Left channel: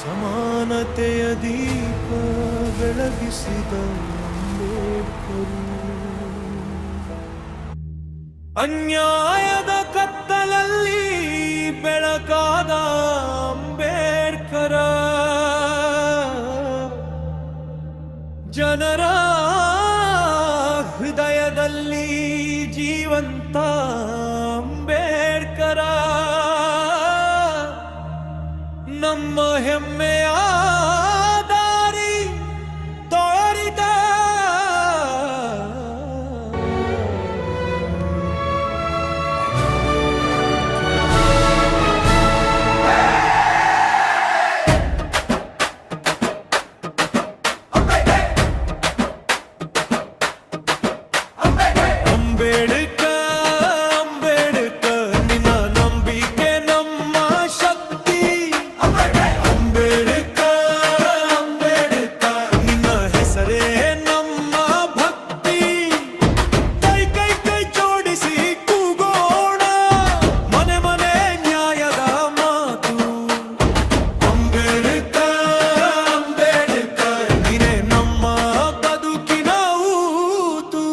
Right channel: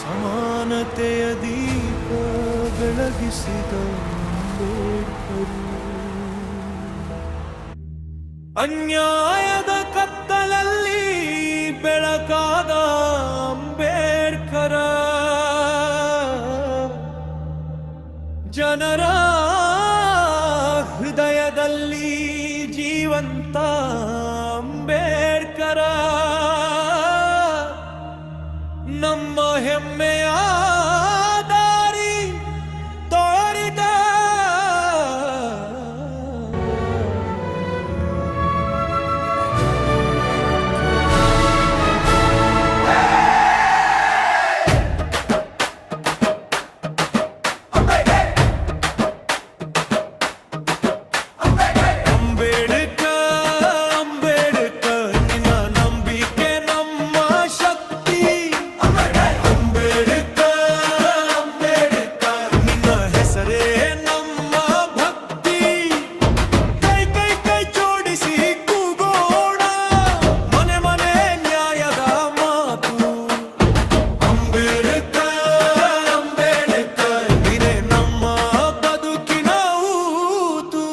ಸಮಾನತೆಯ ದೀಪ ಬೆಳಗಿಸಿದ ಅಂಬೇಡ್ಕರ್. ಅನ್ಯಾಯದ ಕತ್ತಲಲ್ಲಿ ಬೆಳಕಾದ ಅಂಬೇಡ್ಕರ. ಜನರ ಹೃದಯದಲ್ಲಿ ಜೀವಂತ ಅಂಬೇಡ್ಕರ. ನಮ್ಮ ಹೆಮ್ಮೆಯ ದಾರಿ ತೋರಿದ ಅಂಬೇಡ್ಕರ್ ನಿನ್ನ ನಂಬಿಕೆ ನಮ್ಮ ಶಕ್ತಿ. ಅಂಬೇಡ್ಕರ್ ನಿನ್ನ ಹೆಸರೇ ನಮ್ಮ ಭಕ್ತಿ. ಕೈ ಕೈ ಕೈ ಜೋಡಿಸಿ ಕೂಗೋಣ, ಮನೆ ಮನೆ ನ್ಯಾಯದ ಮಾತು. ಅಂಬೇಡ್ಕರ್ ನೀನೆ ನಮ್ಮ ಬದುಕಿನ ಊತು.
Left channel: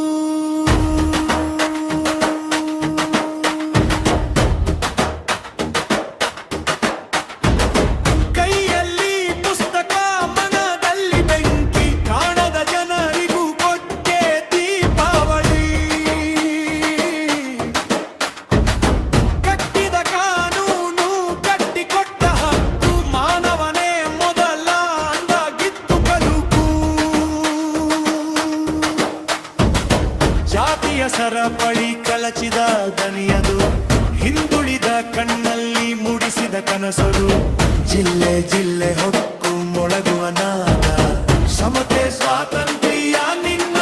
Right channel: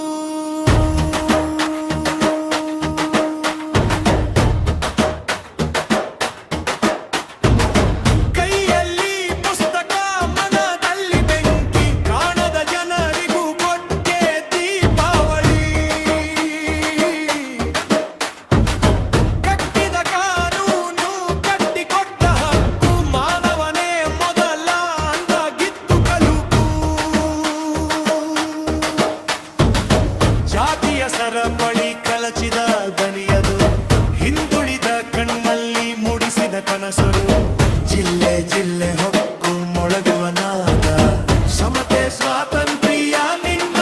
ಕೈಯಲ್ಲಿ ಪುಸ್ತಕ, ಮನದಲ್ಲಿ ಬೆಂಕಿ, ಕಾಣದ ಜನರಿಗೂ ಕೊಟ್ಟೆ ದೀಪಾವಳಿ. ಕಟ್ಟಿದ ಕಾನೂನು, ಕಟ್ಟಿಕೊಟ್ಟ ಹಕ್ಕು, ಮಾನವನೇ ಮೊದಲ ಅಂದಾಗಿತ್ತು ಕಲುಕು. ಜಾತಿಯ ಸರಪಳಿ ಕಳಚಿದ ದನಿಯದು, ಹಿಂದುಳಿದ ಕಣ್ಣಲ್ಲಿ ಮೂಡಿಸಿದ ಕನಸರು. ಜಿಲ್ಲೆ ಜಿಲ್ಲೆ ಹೊಕ್ಕು ಮೊಳಗುವ ನಾದ, ಸಮತೆ ಸ್ವಾತಂತ್ರ್ಯ ನಿನ್ನ